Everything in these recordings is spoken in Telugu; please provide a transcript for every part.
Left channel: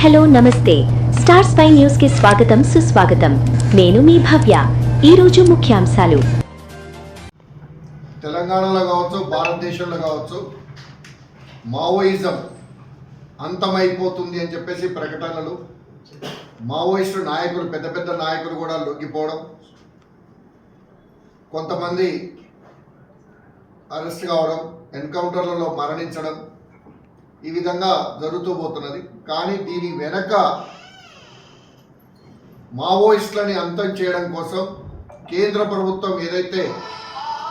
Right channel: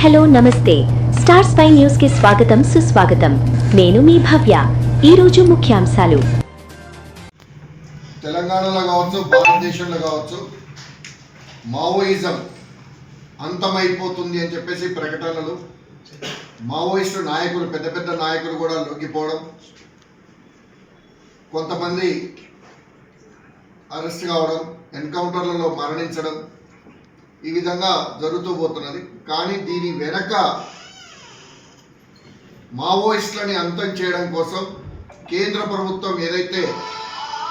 హలో నమస్తే స్టార్ స్పై న్యూస్ కి స్వాగతం సుస్వాగతం. నేను మీ భవ్య. ఈ రోజు ముఖ్యాంశాలు. తెలంగాణలో కావచ్చు, భారతదేశంలో కావచ్చు, మావోయిజం అంతమైపోతుంది అని చెప్పేసి ప్రకటనలు, మావోయిస్టు నాయకులు, పెద్ద పెద్ద నాయకులు కూడా లొంగిపోవడం, కొంతమంది అరెస్ట్ కావడం, ఎన్కౌంటర్లలో మరణించడం, ఈ విధంగా జరుగుతూ పోతున్నది. కానీ దీని వెనక మావోయిస్టులని అంతం చేయడం కోసం కేంద్ర ప్రభుత్వం ఏదైతే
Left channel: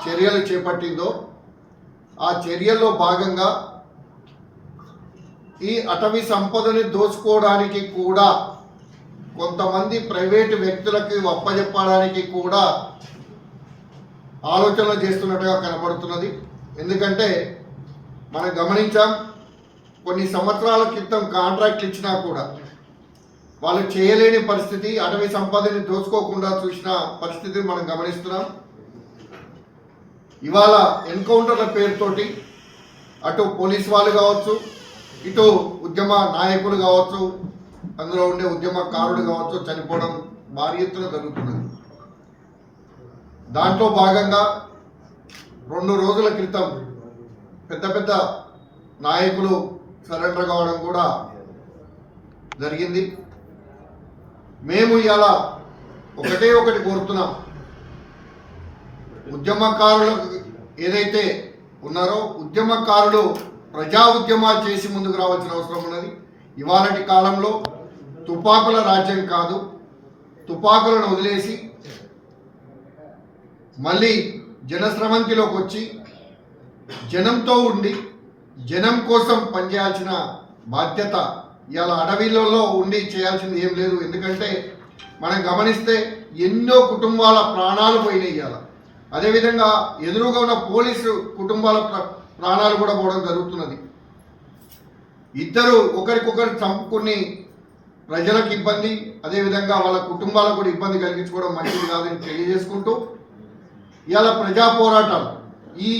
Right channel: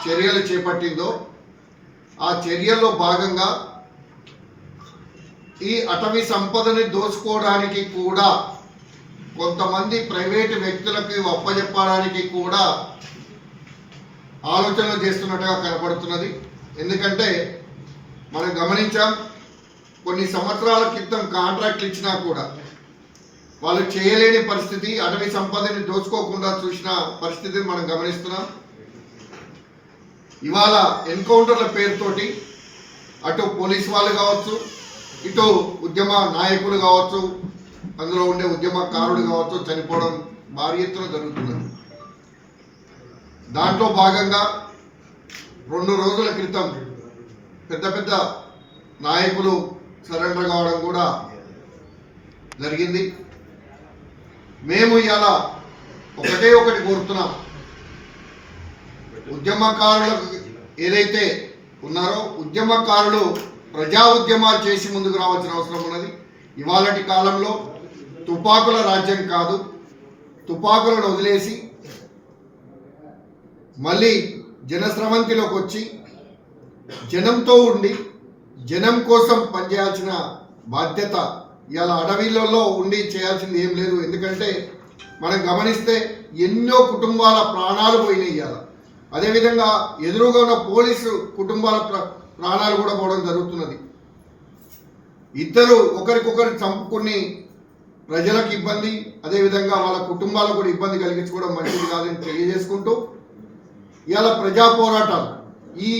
చర్యలు చేపట్టిందో ఆ చర్యల్లో భాగంగా ఈ అటవీ సంపదని దోచుకోవడానికి కూడా కొంతమంది ప్రైవేటు వ్యక్తులకు అప్పచెప్పడానికి కూడా ఆలోచనలు చేస్తున్నట్టుగా కనపడుతున్నది. ఎందుకంటే మనం గమనించాం, కొన్ని సంవత్సరాల క్రితం కాంట్రాక్ట్లు ఇచ్చినా కూడా వాళ్ళు చేయలేని పరిస్థితి, అటవీ సంపదని దోచుకోకుండా చూసిన పరిస్థితిని మనం గమనిస్తున్నాం. ఇవాళ ఎన్కౌంటర్ల పేరుతోటి అటు పోలీస్ వాళ్ళు కావచ్చు, ఇటు ఉద్యమ నాయకులు కావచ్చు, అందులో ఉండే ఉద్యమకారుడు కావచ్చు చనిపోవడం భారీ ఎత్తున జరుగుతున్నది. దాంట్లో భాగంగా 2 రోజుల క్రితం పెద్ద పెద్ద నాయకులు సరెండర్ కావడం కూడా జరిగింది. మేము ఇలా ఒకటి కోరుతున్నాం, ఉద్యమకారులకు ఏదైతే ఉన్నారో ఉద్యమకారులు ప్రజా ఉద్యమాలు చేసి ముందుకు రావాల్సిన అవసరం ఉన్నది. ఇవాళటి కాలంలో తుపాకుల రాజ్యం కాదు, తుపాకులను వదిలేసి మళ్ళీ జనస్రవంతిలోకి వచ్చి జనంతో ఉండి జనం కోసం పనిచేయాల్సిన బాధ్యత ఇవాళ అడవిలలో ఉండి చేయాల్సింది ఏం లేదు. ఎందుకంటే మనం గమనిస్తే ఎన్నో కుటుంబాల ప్రాణాలు పోయినాయి. ఇవాళ అదేవిధంగా ఎదురుగా ఉన్న పోలీసు కుటుంబాల ప్రాణాలు కూడా పోవడం జరుగుతున్నది. ఇద్దరు ఒకరికొకరు చంపుకుని ప్రజలకు ఇబ్బంది, అదేవిధంగా వాళ్ళ కుటుంబాలకు కూడా ఇబ్బంది కలిగించుకోవడం మంచిది కాదని తెలియజేసుకుంటూ ఇవాళ ప్రజా పోరాటాలు ఈ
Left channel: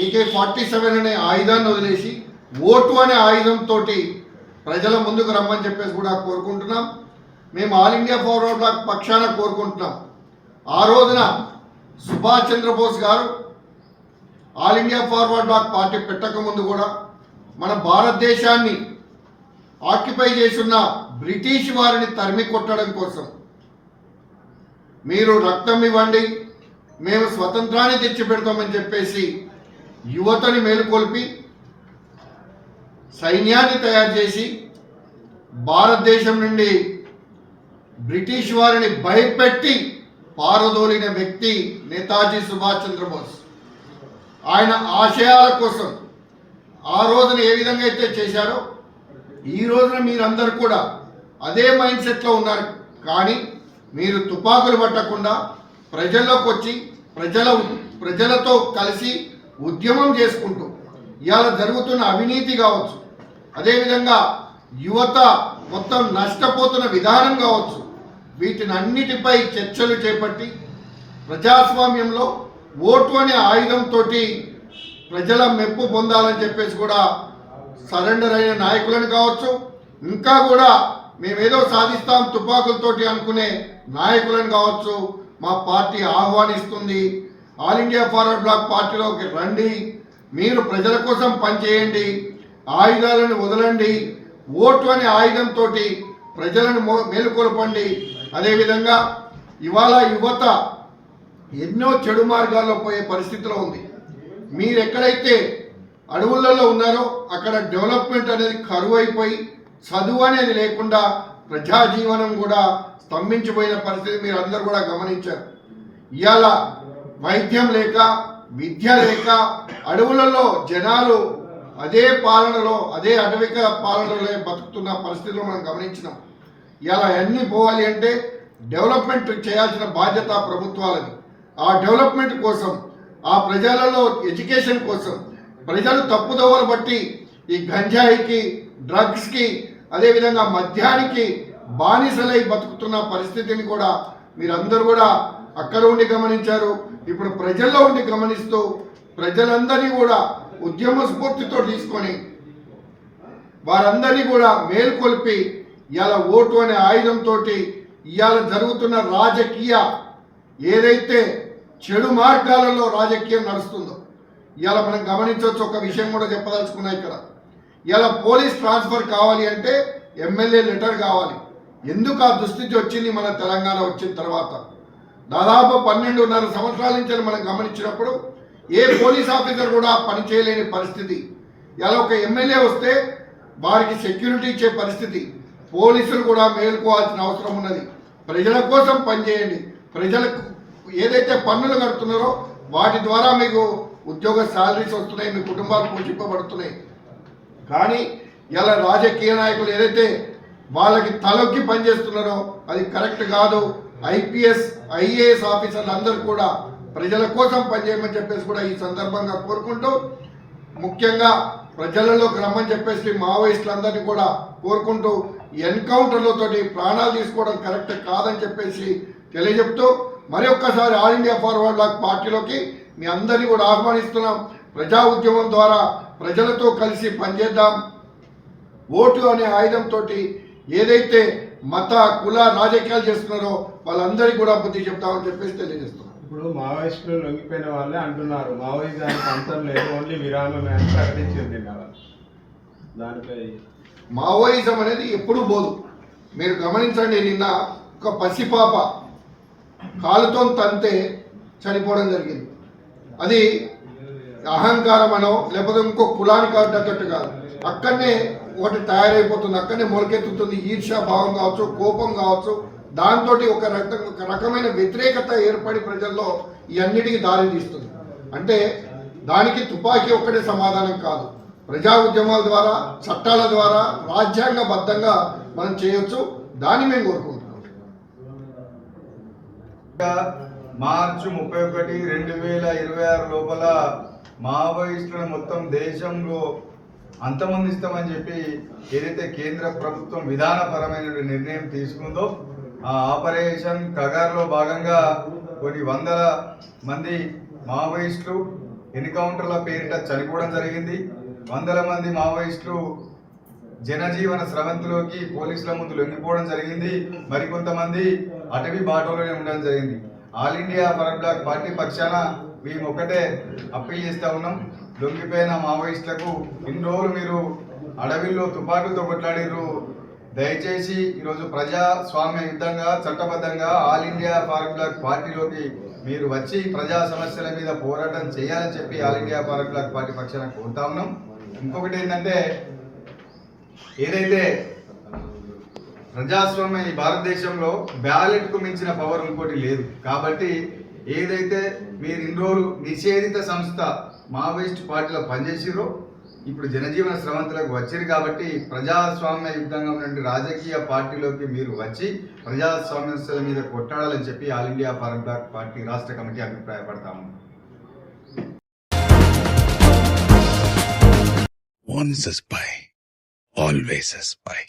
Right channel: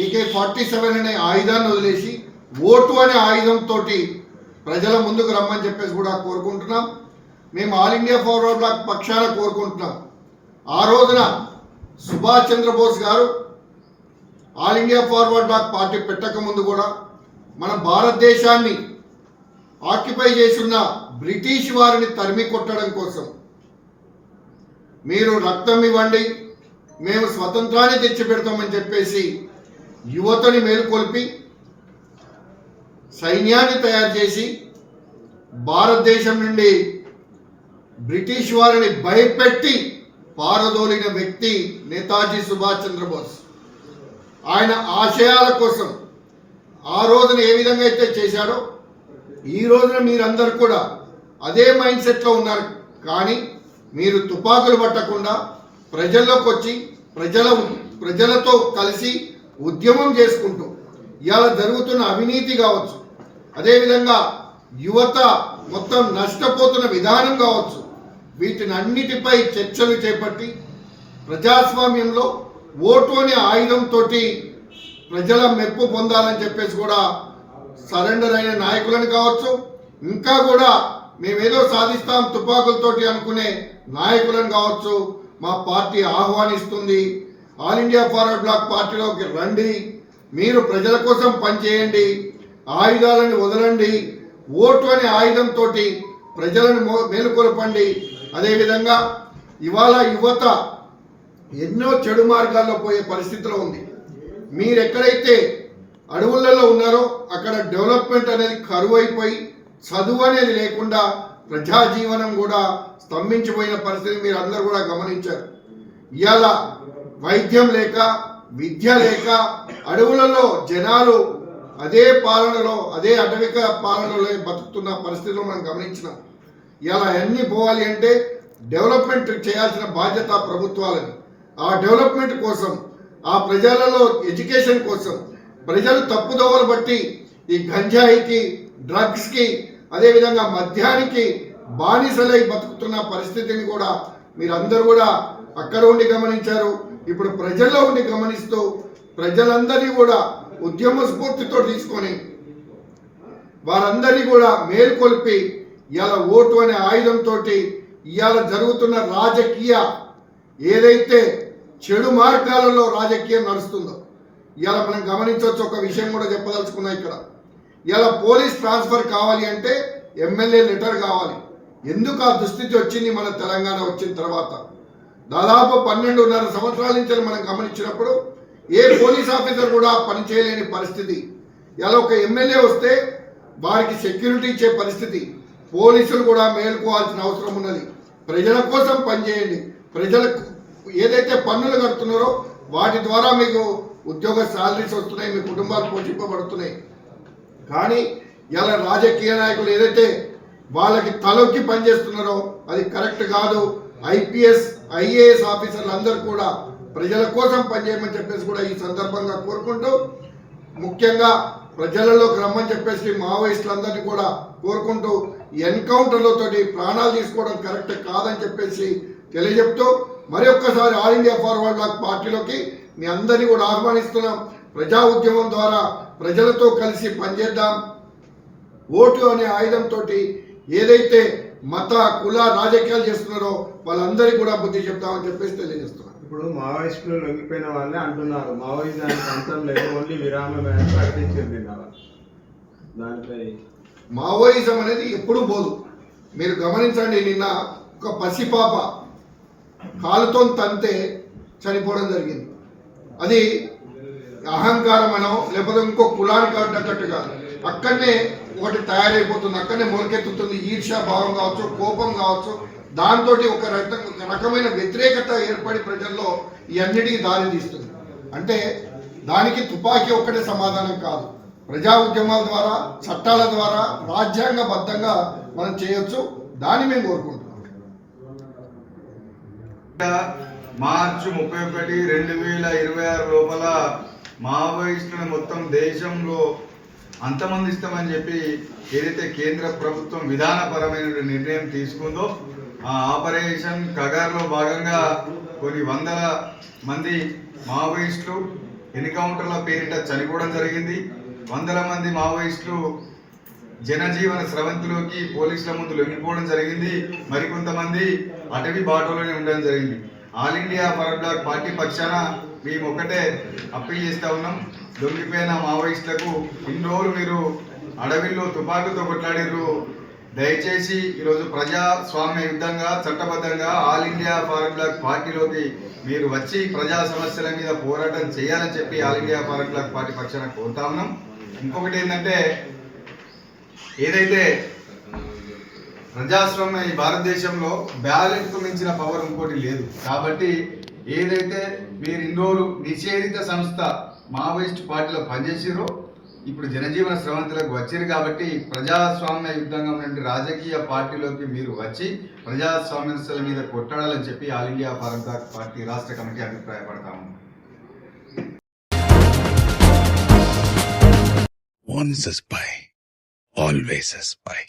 AK-47 అనే ఆయుధాన్ని వదిలేసి ఓటు అనే ఆయుధంతో ప్రజల ముందుకు రమ్మని చెప్పేసి కూడా కోరుకుంటున్నాం. మేము ఆల్ ఇండియా ఫార్వర్డ్ బ్లాక్ పక్షాన కోరుకుంటున్నాం. ఆ రోజున సుభాష్ చంద్రబోస్ గారు All India forward Bloc party పెట్టక ముందు కూడా మన భారతదేశాన్ని ఆక్యుపై చేస్తున్న బ్రిటిష్ వారిని తరిమి కొట్టడం కోసం మీరు రక్తం ఇవ్వండి, మేము స్వతంత్రాన్ని తెచ్చిపెడతామని చెప్పేసి యువతని మేలుకొల్పి సైన్యాన్ని తయారు చేసి భారతదేశం నుండి బ్రిటిష్ వారిని భయపెట్టి పారదోలిన వ్యక్తి నేతాజీ సుభాష్ చంద్రబోస్. ఆయన ఆశయాల కోసం ఆ రోజున ఏ విధంగా అయితే చేశాడో ఈ రోజున మీరందరూ కూడా అదే మైండ్ సెట్లో ఉన్నారు. కానీ మీరు తుపాకులు పట్టకుండా ప్రజల్లోకి వచ్చి ప్రజలతో కలిసి ఉద్యమం చేసుకుంటూ ఇవాళ జరుగుతున్న అవినీతి కావచ్చు, అదేవిధంగా యువత మొత్తం నష్టపోతున్న విధానం కావచ్చు, వీటిని అన్నిటిపై చర్చలు చేపట్టి ప్రజాస్వామ్యంలో ఓటు అనే ఆయుధంతో ప్రజల మెప్పు పొందాలని చెప్పేసి కూడా సరెండర్ అయిన నాయకులను కావచ్చు, ఇంకా కూడా మేమేదో సాధిస్తాం తుపాకులతోటి అనుకునే నాయకులను కావచ్చు మా పార్టీ ఆహ్వానిస్తుంది. ఆల్ ఇండియా ఫార్వర్డ్ బ్లాక్ పార్టీలోకి రండి, మీరు ప్రజల కోసం పనిచేయండి, ఆయుధాలను వదలండి, ఓటు అనే ఆయుధంతో ప్రజలను మేలుకొల్పండి. అదేవిధంగా ఇవాళ యువత ఎన్నో చెడు మార్గాల్లో పోయే పరిస్థితిలో ఉంది. మీరు ఎక్కడైతే అడవులలో ఉన్నారో అక్కడ డెవలప్మెంట్ అనేది కరువు అయిపోయి చదువు అనేది లేకుండా ప్రజాజీవనం కూడా స్తంభించిపోయిన పరిస్థితి మీరు అందరూ కూడా గమనించారు. ఇవాళ వైద్యం లేక, విద్య లేక అడవులలో జనాలు అదే పాలనలో, అదే అటవిక పాలనలో బతుకుతున్న పరిస్థితులు మనం గమనించినాం. ఇవాళ అన్నీ పోవాలి అంటే డెవలప్మెంట్ చేయాల్సిన బాధ్యత ప్రభుత్వాలని. ఆ డెవలప్మెంట్ కోసం, ఆ ప్రజలలో ఎడ్యుకేషన్ కోసం ప్రజలు తప్పుదోవలు బట్టి ఈ గంజాయికి, డ్రగ్స్కి, అదేవిధంగా మద్యానికి బానిసలై బతుకుతున్న పరిస్థితిని కూడా మీరందరూ కూడా అక్కడ ఉండి గమనించారు. ఇప్పుడు ప్రజల్లో ఉండి గమనిస్తూ ప్రజలందరినీ కూడా ఉద్యమ స్ఫూర్తితో తీసుకొని వారందరినీ కూడా మేల్కొల్పి ఇవాళ ఓటు అనే ఆయుధంతో ఇవాళ జరుగుతున్న రాజకీయ ఏదైతే చెడు మార్గాలలో రాజకీయం నడుస్తుందో ఇవాళ మనం గమనించవచ్చు. ఒక విషయం కూడా చెప్పదలుచుకున్నా ఇక్కడ. ఇవాళ పోలీస్ ట్రాన్స్ఫర్ కావాలి అంటే ఎమ్మెల్యే లెటర్ కావాలి. ఎందుకు ఆ దుస్థితి వచ్చింది మన తెలంగాణ వచ్చిన తర్వాత? దాదాపు 12.5 సంవత్సరాల నుంచి మనం గమనించినప్పుడు ఏ పోలీస్ ఆఫీసర్ కూడా పనిచేయలేని పరిస్థితి. ఇలా ఒక ఎమ్మెల్యే వస్తే వారికి సెక్యూరిటీ ఇచ్చే పరిస్థితి. పోలీసులు కూడా మేలుకోవాల్సిన అవసరం ఉన్నది. ప్రజల కోసం పనిచేయండి. ప్రజలకు ఏదైతే పన్నులు కడుతున్నారో వాటి ద్వారా మీకు ఉద్యోగ శాలరీస్ వస్తున్నాయి, మీ కుటుంబాలు పోషింపబడుతున్నాయి. కానీ ఇలా రాజకీయ నాయకులు ఏదైతే వాళ్ళకి తలొక్కి పనిచేస్తున్నారో అది కరెక్ట్ కాదు. ఐపీఎస్ ఐఏఎస్ ఆఫీసర్లు అందరూ కూడా ప్రజల కోసం పనిచేయమని చెప్పేసి కూడా ఈ సందర్భంగా కోరుకుంటూ, ముఖ్యంగా ప్రజలలోకి రమ్మని చెప్పేసి మావోయిస్టులందరినీ కూడా కోరుకుంటూ ఎన్కౌంటర్లతోటి ప్రాణాలు తీసుకోవడం కరెక్ట్ కాదని చెప్పేసి తెలియజెప్తూ మరి ఒక్కసారి ఆల్ ఇండియా ఫార్వర్డ్ బ్లాక్ పార్టీలోకి మీ అందరినీ కూడా ఆహ్వానిస్తున్నాం. ప్రజా ఉద్యమం ద్వారా ప్రజలతో కలిసి పనిచేద్దాం. ఓటు అనే ఆయుధంతో ఏదైతే మత కుల రాజకీయాలు చేస్తున్నారో వాళ్ళందరికీ కూడా బుద్ధి చెప్తామని చెప్పేసి తెలియజేస్తున్నాం. ఇప్పుడు మావోయిస్టులు లొంగిపోయిన వాళ్ళే అంటున్నారు మావోయిజానికి అంతం లేదు, ఓన్లీ విరామమే అని ప్రకటించింది. దానిపై మావోయిజం అనేది ఎప్పుడూ పోదు. మీరు గమనించండి, నిన్న ఒక పసిపాప కాలుతో తంతే చనిపోవడం జరిగింది. అది అహంకారం అనో లేకపోతే ఇంకో కులానికి అడ్డకట్టు కాదు. అక్కడనే ఒకటి తయారైపోతుంది, అక్కడనే మొలకెత్తుతుంది. ఈర్ష్యా భావం కావచ్చు, కోపం కావచ్చు, దాంతో ఒక రకమైన వ్యతిరేకత ఏర్పడి ప్రజల్లో ఈ అన్నిటికీ దారి తీస్తుంది. అంటే దానికి తుపాకీ ఒక్కటే సమాధానం కాదు. ప్రజా ఉద్యమాల ద్వారా, చట్టాల ద్వారా, రాజ్యాంగబద్ధంగా మనం చేయొచ్చు. దాన్ని మేము కోరుకుంటున్నాం. మార్చి 31, 2026 లోపల మావోయిస్టులను మొత్తం దేశంలో అంతమొందిస్తామని చెప్పి ఏదైతే కేంద్ర ప్రభుత్వం విధానపరమైన నిర్ణయం తీసుకుందో ఆ ఆపరేషన్ కగార్లో భాగంగా కొన్ని వందల మంది మావోయిస్టులు ఎన్కౌంటర్ల పేరిట చనిపోవడం జరిగింది. వందల మంది మావోయిస్టులు జనజీవన స్రవంతిలోకి పోలీసుల ముందు లొంగిపోవడం జరిగింది. మరికొంతమంది అటవీ బాటలోనే ఉండడం జరిగింది. All India forward Bloc party పక్షాన మేము ఒకటే అప్పీల్ చేస్తూ ఉన్నాం. లొంగిపోయిన మావోయిస్టులకు ఇన్ని రోజులు మీరు అడవిలో తుపాకులతో కొట్లాడిర్రు. దయచేసి ఈరోజు ప్రజాస్వామ్య యుద్ధంగా చట్టబద్ధంగా ఆల్ ఇండియా ఫార్వర్డ్ బ్లాక్ పార్టీలోకి మీరు వచ్చి ప్రజా సమస్యల మీద పోరాటం చేయాలని చెప్పి All India forward Bloc party పక్షాన కోరుతా ఉన్నాం. ఇంకొకటి ఏంటంటే, ఏదైతే ప్రజాస్వామ్య ఈ భారతదేశంలో బ్యాలెట్కు మించిన పవర్ ఇంకోటి లేదు. కాబట్టి ఏదైతే మీరు ఇన్ని రోజులు నిషేధిత సంస్థ మావోయిస్ట్ పార్టీలో పనిచేసిరో ఇప్పుడు జనజీవన స్రవంతులకు వచ్చారు. కాబట్టి ప్రజాస్వామ్య యుద్ధంగా ఉన్నటువంటి రాజకీయ పార్టీలోకి మీరు వచ్చి ప్రజాస్వామ్యల మీద కొట్టాడాలని చెప్పి All India forward Bloc party రాష్ట్ర కమిటీ అభిప్రాయపడతాము. Once a spy, always a spy.